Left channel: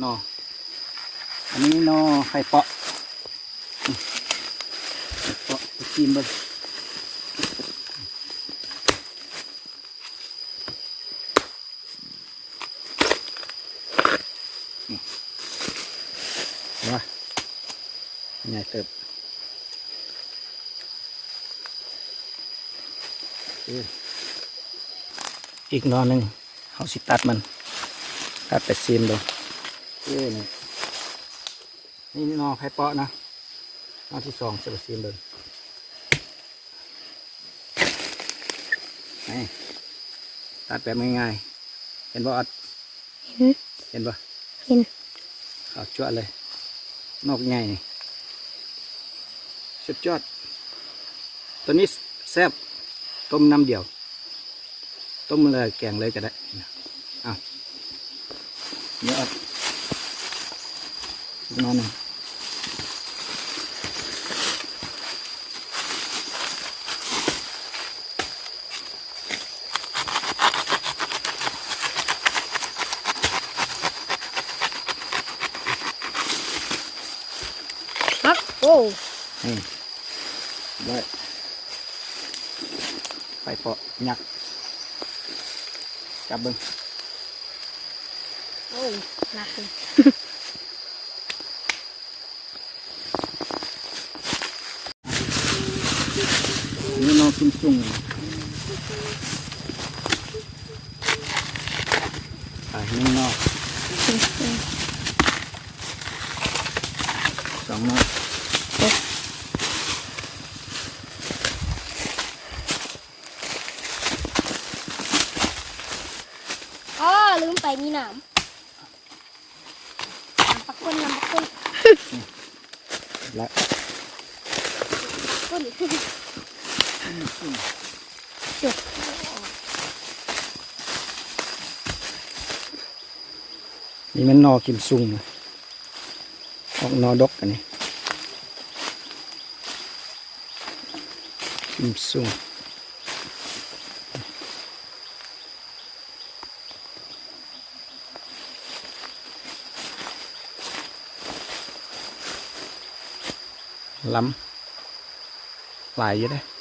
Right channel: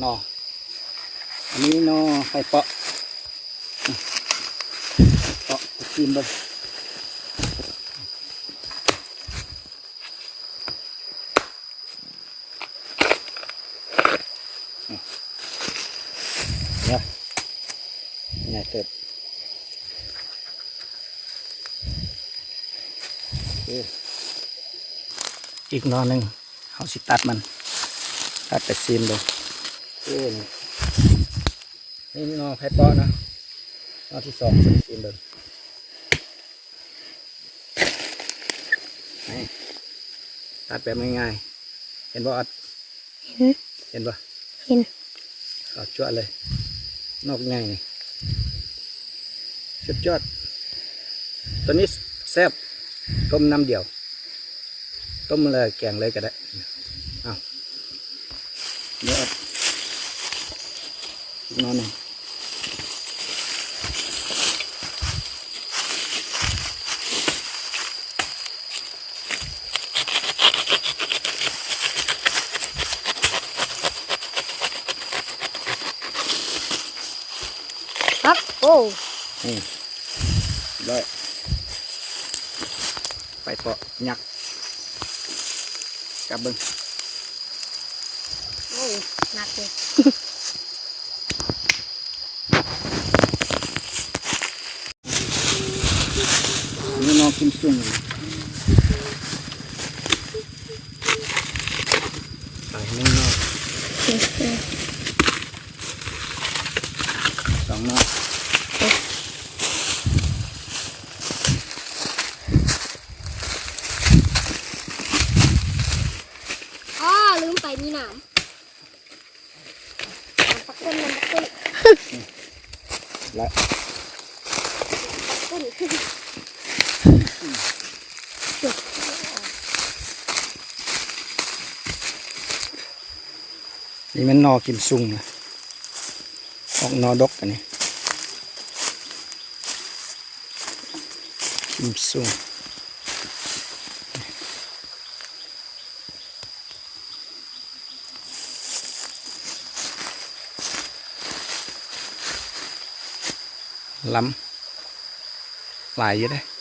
นออันนี้นอไข่เปาะเปาะกินเลยนี่เนี่ยเติบอีกนอหนึ่งเขาสิตัดมัน ตัดไปซีมเลย เอ้นี่นี่นอไข่เปาะนะนอที่สองซีมซีมเลยนี่ตัดแบบง่ายๆเห็นบ่อัดเห็นบ่เห็นเอาจวดเลย นอกง่ายนี่สุดยอดตัวนี้แซ่บต้มน้ำเดียว ต้มเลยแกงเลยก็ได้เอาเดี๋ยวเอา อีกหนอนหนึ่งครับโอ้ นี่ได้ไปเปาะยักษ์จับเบิ้งโอ้หนักเลยนี่นอนกินซุ่งไปนี่นอกสองนอกอ๋อลืมไปมีหนามปักก้นมันก้นและก้นขึ้น นี่มันนอกินซุ่งนะออกนอดกกันนี่กินซุ่งล้ำหลายอยู่ได้อ